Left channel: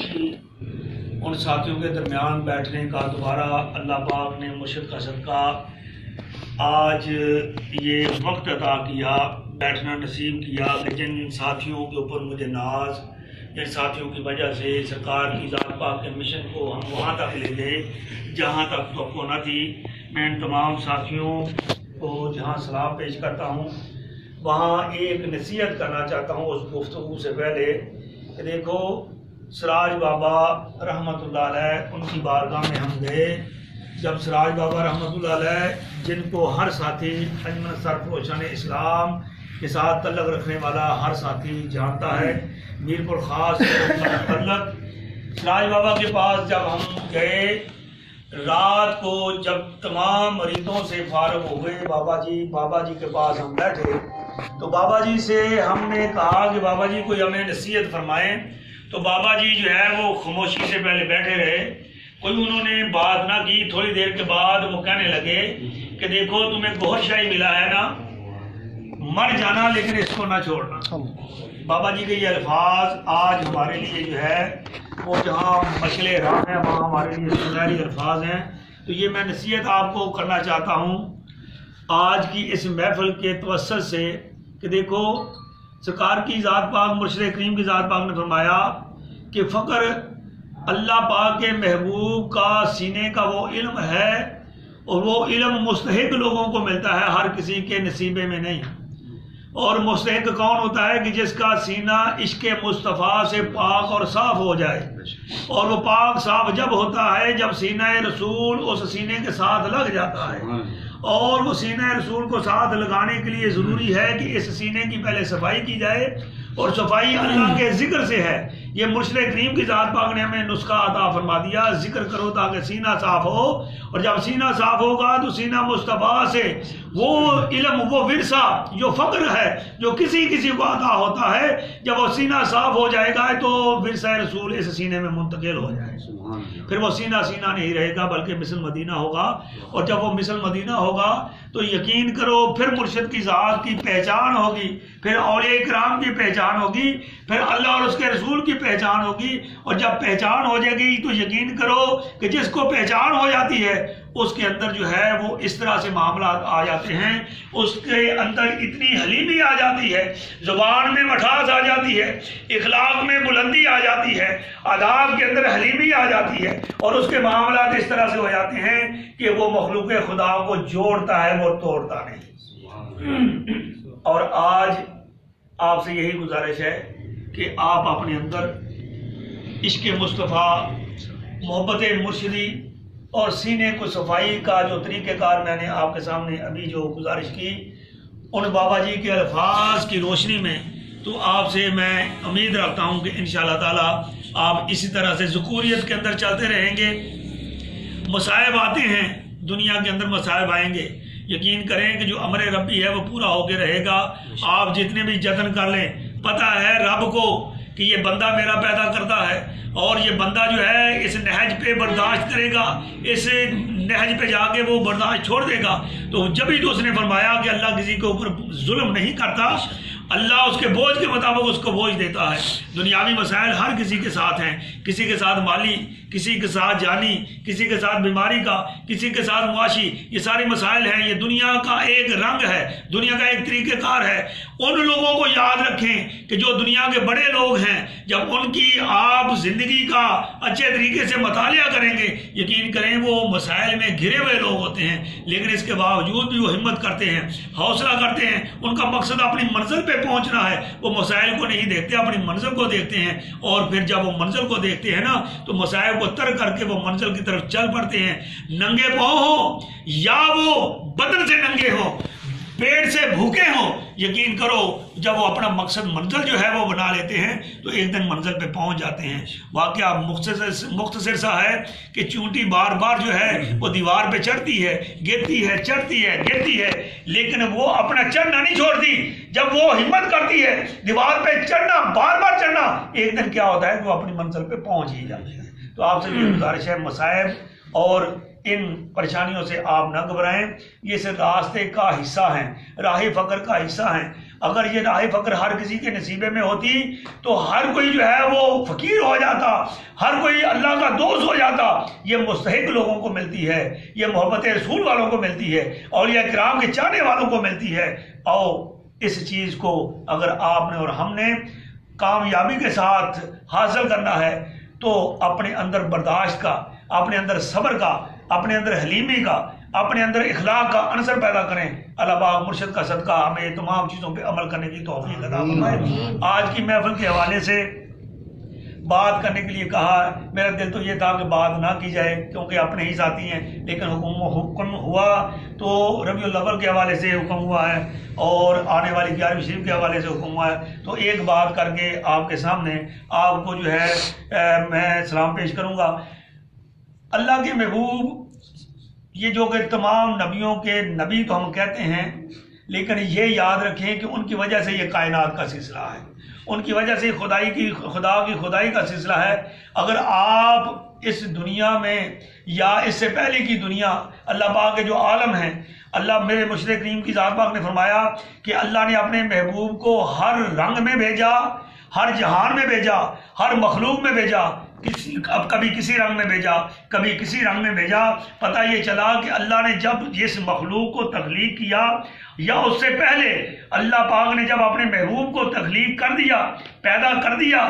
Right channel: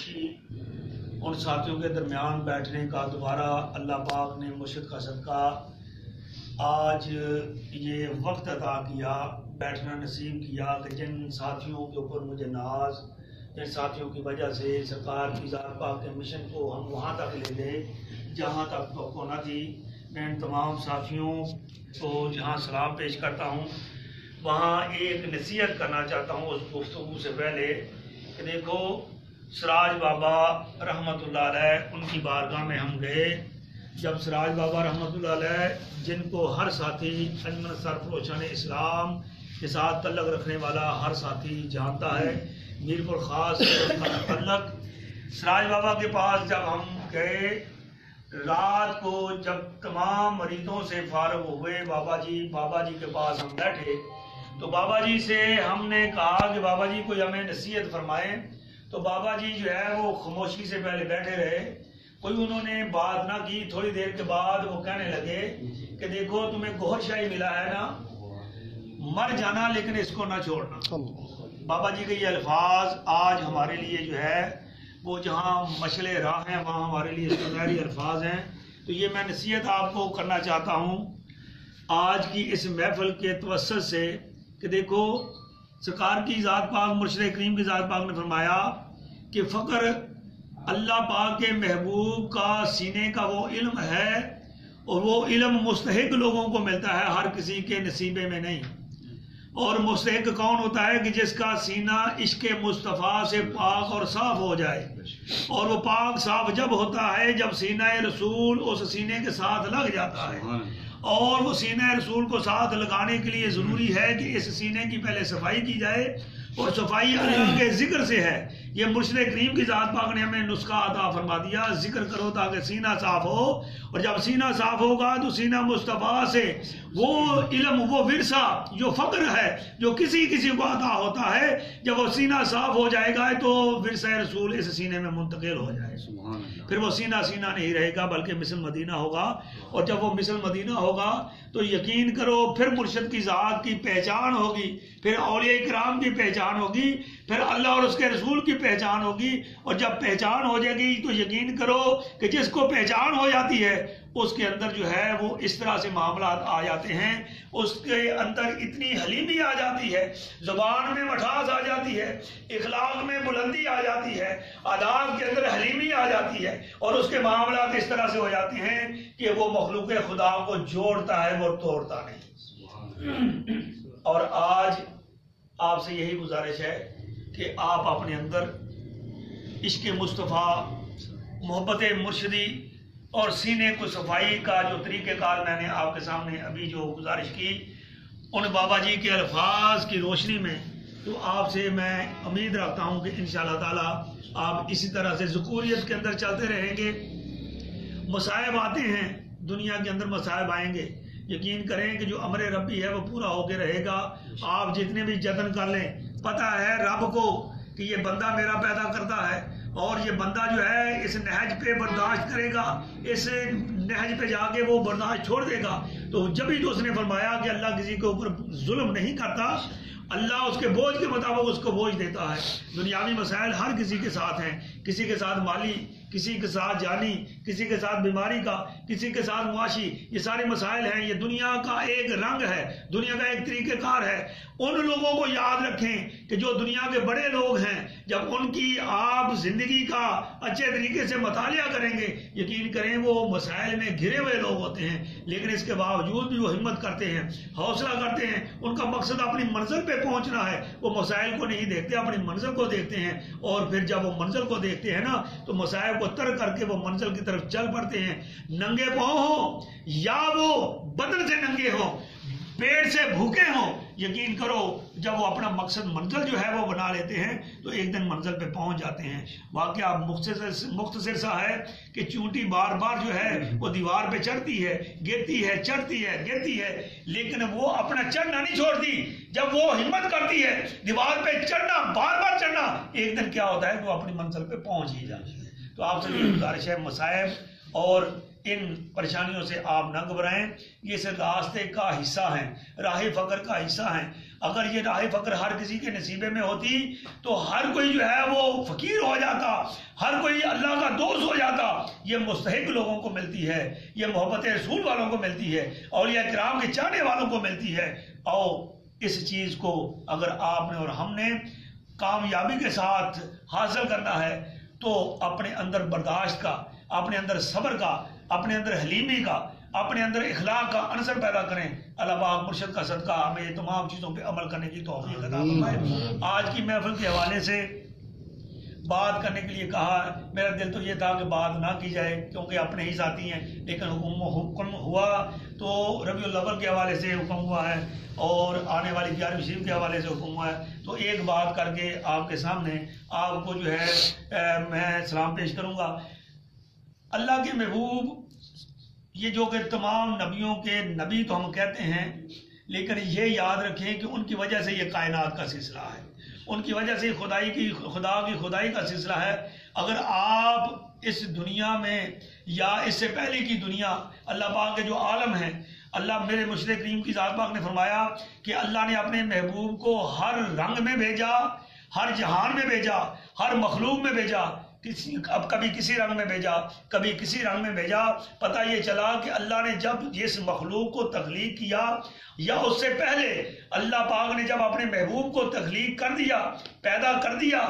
خوشی ان ساتھیوں کے درمیان بیٹھنے کا دوبارہ اللہ پاک نے مرشد کا صدقہ آج یہ وقت عطا کیا، بیٹھنا نصیب کیا کہ جن ساتھیوں کے اوپر مجھے ناز، جن ساتھیوں کی وجہ سے سرکار کی ذات پاک کے مشن کو ہم وہاں تک لے گئے جہاں تک توقع نہ تھی۔ میں ان تمام ساتھیوں کو جہاں سلام پیش کرتا ہوں وہاں ایک نصیحت کرنا چاہتا ہوں اس گفتگو سے پہلے کہ دیکھو سراج بابا رحمۃ اللہ علیہ ان کی بارگاہ میں ہم گئے، جب سراج بابا رحمۃ اللہ علیہ جن کو ہر ساتھی انجمن سرفروشان اسلام کے ساتھ تعلق رکھنے والا ہر ساتھی جانتا ہے، میر پور خاص تعلق سراج بابا کے پاس جب ہم گئے رات کو، جب تمام مریضوں سے فارغ ہو گئے بابا جی کے پاس ہم بیٹھے تو بابا جی سے ہم نے کہا کہ بابا جی کوئی ہمیں نصیحت فرمائیں، تو بابا جی جو ہے وہ خاموشی سے پہلے بیٹھے رہے، کوئی انہوں نے بات نہ کی۔ تھوڑی دیر کے بعد وہ کہنے لگے کہ دیکھو تمہیں گوہر شاہی ملا ہے نا، مر جانا لیکن اس کو نہ چھوڑنا۔ بابا جی کے یہ الفاظ آج ہمارے لیے جو ہے وہ جہاں مشعل راہ ہیں وہاں ہمارے لیے سنہری الفاظ ہیں۔ تو یہ میں نصیحت آپ کو کرنا چاہتا ہوں آج کی اس محفل کے توسط سے کہ دیکھو سرکار کی ذات پاک مرشد کریم کی ذات پاک نے فرمایا کہ فقر اللہ پاک کے محبوب کا سینے کا وہ علم ہے اور وہ علم مستحق لوگوں کو ملتا ہے، ہر کسی کے نصیبے میں نہیں۔ اور مستحق کون ہوتا ہے کہ جس کا سینہ عشق مصطفیٰ سے پاک اور صاف ہو جائے، اور وہ پاک صاف جب ہوتا ہے جب سینہ رسول اس سینے کے ساتھ لگ جاتا ہے، اور وہ سینہ رسول کو ساتھ لگانے کے لیے ضروری ہے کہ اس سینے کی پہلے صفائی کی جائے، اور صفائی اللہ کے ذکر سے ہے۔ یہ مرشد کریم کی ذات پاک نے ہمیں نسخہ عطا فرما دیا، ذکر کرو تاکہ سینہ صاف ہو، اور جب سینہ صاف ہوگا تو سینہ مصطفیٰ سے وہ علم، وہ ورثہ جو فقر ہے جو کسی کو عطا ہوتا ہے، جب وہ سینہ صاف ہو جائے گا تو ورثہ رسول اس سینے میں منتقل ہو جائے گا، پھر وہ سینہ نہیں رہے گا بلکہ مثل مدینہ ہوگا، اور جب وہ مثل مدینہ ہوگا تو یقین کرو پھر مرشد کی ذات کی پہچان ہوگی، پھر اولیاء کرام کی پہچان ہوگی، پھر اللہ اور اس کے رسول کی پہچان ہوگی، اور جب پہچان ہو جائے گی تو یقین کرو کہ جس کو پہچان ہو جاتی ہے اس کے اندر جو ہے وہ اس طرح سے معاملات آ جاتے ہیں، اس کے اندر اتنی حلیمی آ جاتی ہے، زبان میں مٹھاس آ جاتی ہے، اخلاق میں بلندی آ جاتی ہے، آداب کے اندر حلیمی آ جاتی ہے، اور اس کے معاملات اس طرح سے ہو جاتے ہیں کہ وہ مخلوق خدا کو جوڑتا ہے وہ توڑتا نہیں۔ اور آج آپ سے یہی گزارش ہے کہ آپ اپنے اندر عشق مصطفیٰ، محبت مرشدی اور سینے کو صفائی کا جو طریقہ کار میں نے آپ کے سامنے ابھی جو گزارش کی، ان بابا جی کے الفاظ کی روشنی میں تو آپ سے میں امید رکھتا ہوں کہ انشاءاللہ تعالی آپ اسی طرح سے ذکوریت کے اندر چلتے رہیں گے۔ مصائب آتے ہیں، دنیا کے اندر مصائب آئیں گے، یقین کریں کہ جو امر ربی ہے وہ پورا ہو کے رہے گا۔ آپ جتنے بھی جتن کر لیں، پتہ ہے رب کو کہ یہ بندہ میرا پیدا کرتا ہے، اور یہ بندہ جو ہے اس نہج پہ برداشت کرے گا، اس نہج پہ جا کے وہ برداشت چھوڑ دے گا، تو جب ہی تو اس نے فرمایا کہ اللہ کسی کے اوپر ظلم نہیں کرتا، اللہ اس کے بوجھ کے مطابق اس کو بوجھ دیتا ہے۔ دنیاوی مسائل ہر کسی کے ساتھ ہیں، کسی کے ساتھ مالی، کسی کے ساتھ جانی، کسی کے ساتھ بیماری کا، کسی کے ساتھ معاشی، یہ سارے مسائل ہیں۔ یہ دنیا کا ایک رنگ ہے، دنیا کا ایک طریقہ کار ہے۔ ان لوگوں کو یاد رکھیں کہ جو دنیا کے بڑے لوگ ہیں، جب ان کی آپ زندگی کا اچھے طریقے سے مطالعہ کریں گے، یقین کریں وہ مسائل میں گھرے ہوئے لوگ ہوتے ہیں، لیکن اس کے باوجود بھی وہ ہمت کرتے ہیں، حوصلہ کرتے ہیں۔ ان کا مقصد اپنی منزل پہ پہنچنا ہے، وہ مسائل کو نہیں دیکھتے، اپنی منزل کو دیکھتے ہیں، اور پھر جب وہ منزل کو دیکھتے ہیں نا تو مسائل کو ترک کر کے وہ منزل کی طرف چل پڑتے ہیں۔ ننگے پاؤں ہو یا وہ بدن سے ننگے ہو، پیٹ سے بھوکے ہوں، یقین کرو جب وہ اپنا مقصد منزل جو ہے وہ بنا لیتے ہیں تو ایک دن منزل پہ پہنچ جاتے ہیں۔ واقعہ مختصر سا ہے کہ چونٹی بار بار جو ہے وہ دیوار پہ چڑھتی ہے، گرتی ہے، چڑھتی ہے، گرتی ہے، لیکن وہ اپنا چڑھنا نہیں چھوڑتی۔ جب وہ ہمت کرتی ہے دیوار پہ چڑھنا، بار بار چڑھنا، ایک دن کیا ہوتا ہے کہ وہ اپنی منزل پہ پہنچ ہی جاتی ہے۔ تو آپ سے یہ گزارش ہے، مصائب اور ان پریشانیوں سے آپ نہ گھبرائیں، یہ اس راستے کا حصہ ہیں، راہ فقر کا حصہ ہیں۔ اگر یہ رائے فقر ہر کسی کے نصیبے میں ہوتی تو ہر کوئی جو ہے وہ فقیر ہو جاتا، ہر کوئی اللہ کا دوست ہو جاتا۔ یہ مستحق لوگوں کو ملتی ہے، یہ محبت رسول والوں کو ملتی ہے، اولیاء کرام کے چاہنے والوں کو ملتی ہے۔ اور اس چیز کو اگر آپ نے اور ہم نے کامیابی کے ساتھ حاصل کرنا ہے تو اپنے اندر برداشت کا، اپنے اندر صبر کا، اپنے اندر حلیمی کا، اپنے اندر اخلاق کا عنصر پیدا کریں۔ اللہ پاک مرشد کا صدقہ ہمیں تمام چیزوں پہ عمل کرنے کی توفیق عطا فرمائے۔ آج کی محفل کے حوالے سے بات کرنے کے لیے کہا، میرا دل تو یہ تھا کہ بات نہ کی جائے کیونکہ اپنے ہی ساتھی ہیں، لیکن حکم ہوا تو ربیع الاول کے حوالے سے حکم ہوا ہے اور آنے والی 11ویں شریف کے حوالے سے حکم ہوا ہے، تو ایک بات کر کے آپ کے سامنے آپ کو جو ہے میں سلام پیش کروں گا۔ اللہ کے محبوب یہ جو کہ تمام نبیوں کے نبی تو ہم کہتے ہیں، لیکن یہ یاد رکھیں کہ ان کی وجہ سے یہ کائنات کا سلسلہ ہے، ان کی وجہ سے خدا کی خدائی کا سلسلہ ہے۔ اگر آپ اس دنیا میں یا اس سے پہلے کی دنیا، اللہ پاک کے جو عالم ہیں، اللہ میرے مرشد کریم کی ذات پاک نے فرمایا کہ اللہ نے اپنے محبوب کو ہر رنگ میں بھیجا، ہر جہان میں بھیجا، ہر مخلوق میں بھیجا، اب کبھی کسی رنگ میں بھیجا، کبھی کسی رنگ میں بھیجا۔ پتہ یہ چلا کہ اللہ نے جب اس مخلوق کو تخلیق کیا یا اس سے پہلے اللہ پاک نے جب اپنے محبوب کو تخلیق کر دیا، پیدا کر دیا،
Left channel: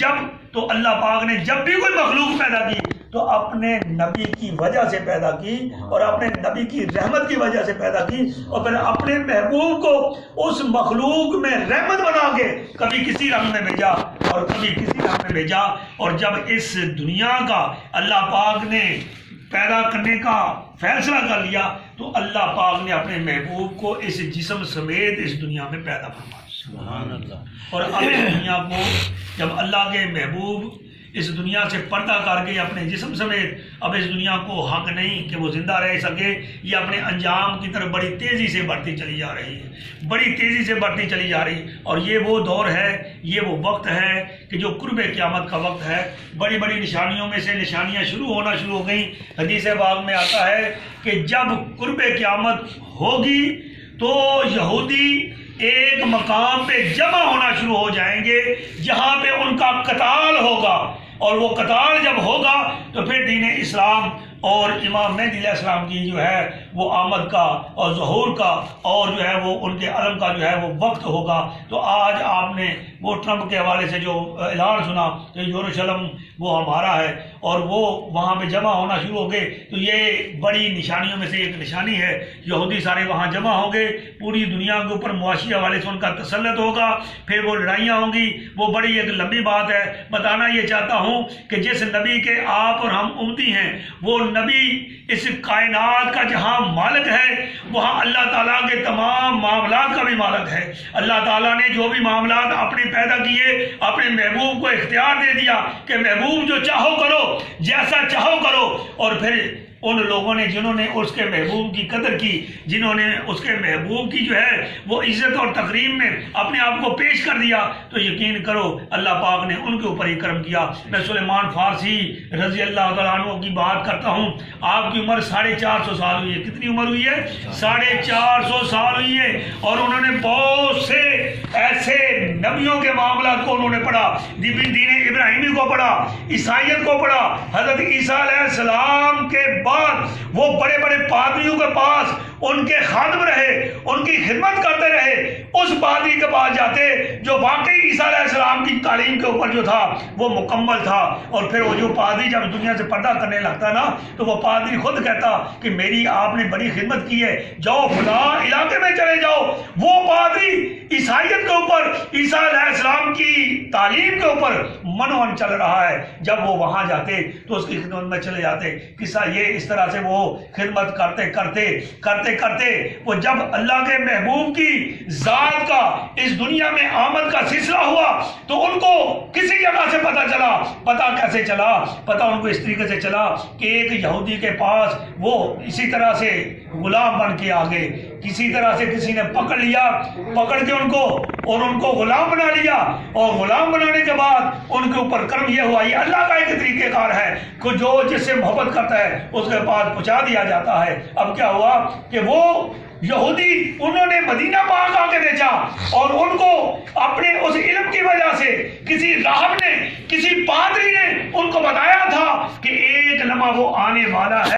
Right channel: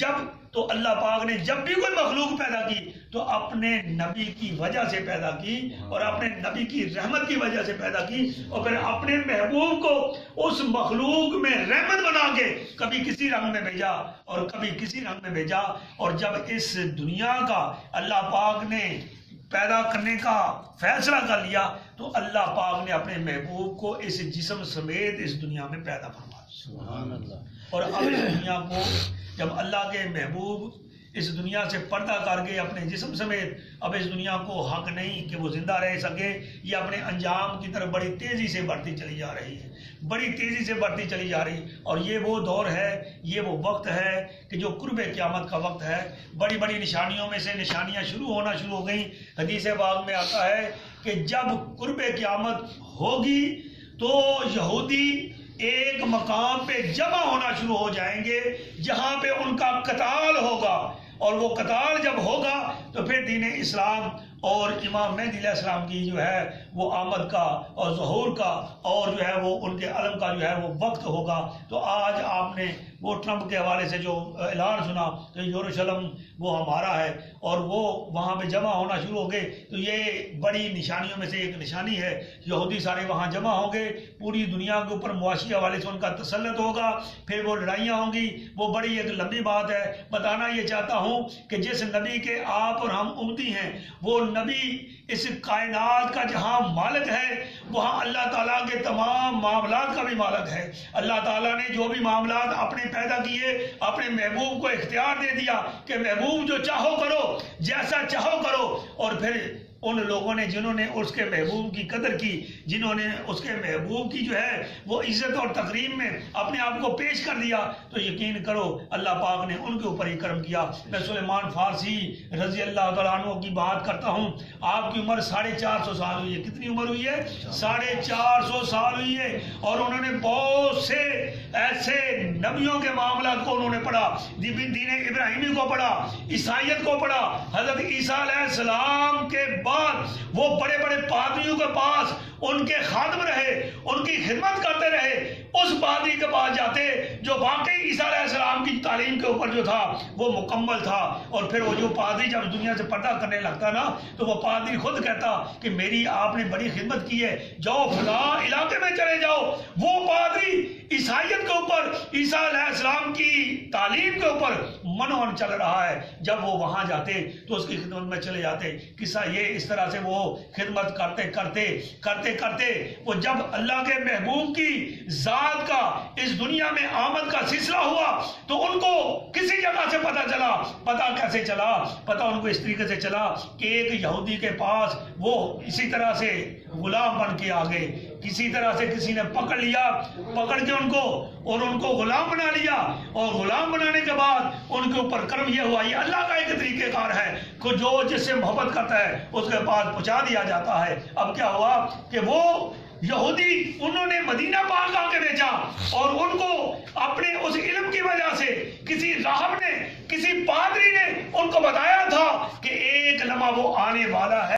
جب تو اللہ پاک نے جب بھی کوئی مخلوق پیدا کی تو اپنے نبی کی وجہ سے پیدا کی اور اپنے نبی کی رحمت کی وجہ سے پیدا کی، اور پھر اپنے محبوب کو اس مخلوق میں رحمت بنا کے کبھی کسی رنگ میں بھیجا اور کبھی کسی رنگ میں بھیجا۔ اور جب اس دنیا کا اللہ پاک نے پیدا کرنے کا فیصلہ کر لیا تو اللہ پاک نے اپنے محبوب کو اس جسم سمیت اس دنیا میں پیدا فرمایا۔ سبحان اللہ۔ اور اب اس دنیا کو جب اللہ کے محبوب اس دنیا سے پردہ کر کے اپنے جسم سمیت، اب اس دنیا کو حق نہیں کہ وہ زندہ رہ سکے، یہ اپنے انجام کی طرف بڑی تیزی سے بڑھتی چلی جا رہی ہے، بڑی تیزی سے بڑھتی چلی جا رہی ہے۔ اور یہ وہ دور ہے، یہ وہ وقت ہے کہ جو قرب قیامت کا وقت ہے۔ بڑی بڑی نشانیوں میں سے نشانیاں شروع ہو گئیں۔ حدیث پاک میں آتا ہے کہ جب قرب قیامت ہوگی تو یہودی ایک مقام پہ جمع ہونا شروع ہو جائیں گے جہاں پہ ان کا قتال ہوگا، اور وہ قتال جب ہوگا تو پھر دین اسلام اور امام مہدی علیہ السلام کی جو ہے وہ آمد کا اور ظہور کا اور جو ہے وہ ان کے علم کا جو ہے وہ وقت ہوگا۔ تو آج آپ نے وہ ٹرمپ کے حوالے سے جو اعلان سنا کہ یروشلم وہ ہمارا ہے اور وہ وہاں پہ جمع ہونا شروع ہو گئے، تو یہ بڑی نشانیوں میں سے ایک نشانی ہے۔ یہودی سارے وہاں جمع ہوں گے، پوری دنیا کے اوپر معاشی حوالے سے ان کا تسلط ہوگا، پھر وہ لڑائیاں ہوں گی، وہ بڑی ایک لمبی بات ہے۔ بتانا یہ چاہتا ہوں کہ جس نبی کے آپ اور ہم امتی ہیں، وہ نبی اس کائنات کا جہاں مالک ہے وہاں اللہ تعالیٰ کے تمام معاملات کا بھی مالک ہے۔ اللہ تعالیٰ نے جو بھی معاملات اپنے پیدا کیے اپنے محبوب کو اختیار دے دیا کہ محبوب جو چاہو کرو، جیسا چاہو کرو۔ اور پھر ان لوگوں نے جنہوں نے اس کے محبوب کی قدر کی، جنہوں نے اس کے محبوب کی جو ہے وہ عزت اور تکریم میں اپنے آپ کو پیش کر دیا، تو یقین کرو اللہ پاک نے ان کے اوپر ہی کرم کیا۔ میں سلیمان فارسی رضی اللہ تعالیٰ عنہ کی بات کرتا ہوں، آپ کی عمر 450 سال ہوئی ہے۔ کتنی عمر ہوئی ہے؟ 450 سال ہوئی ہے، اور انہوں نے بہت سے ایسے نبیوں کے معاملات کو انہوں نے پڑھا، دین ابراہیمی کو پڑھا، عیسائیت کو پڑھا، حضرت عیسیٰ علیہ السلام کے بعد وہ بڑے بڑے پادریوں کے پاس ان کے خادم رہے، ان کی خدمت کرتے رہے۔ اس پادری کے پاس جاتے جو واقعی عیسیٰ علیہ السلام کی تعلیم کے اوپر جو تھا وہ مکمل تھا، اور پھر وہ جو پادری جب دنیا سے پردہ کرنے لگتا نا تو وہ پادری خود کہتا کہ میری آپ نے بڑی خدمت کی ہے، جاؤ فلاں علاقے میں چلے جاؤ۔ وہ پادری عیسائیت کے اوپر، عیسیٰ علیہ السلام کی تعلیم کے اوپر منون چل رہا ہے، جب وہ وہاں جاتے تو اس کی خدمت میں چلے جاتے۔ قصہ یہ اس طرح سے وہ خدمت کرتے کرتے وہ جب اللہ کے محبوب کی ذات کا اس دنیا میں آمد کا سلسلہ ہوا تو ان کو کسی جگہ سے پتہ چلا۔ پتہ کیسے چلا؟ پتہ ان کو اس طریقے سے چلا کہ ایک یہودی کے پاس وہ اسی طرح سے غلام بن کے آگے، کسی طرح سے کسی نے پکڑ لیا، پکڑ کے ان کو غلام بنا لیا، اور غلام بنانے کے بعد ان کے اوپر کرم یہ ہوا، یہ اللہ کا ایک طریقہ کار ہے کہ جو جس سے محبت کرتا ہے اس کے پاس پہنچا دیا جاتا ہے۔ اب کیا ہوا کہ وہ یہودی انہوں نے مدینہ پاک آ کے بیچا، اور ان کو اپنے اس علم کی وجہ سے کسی راہب نے، کسی پادری نے ان کو بتایا تھا کہ ایک لمحہ وہ آنے والا ہے۔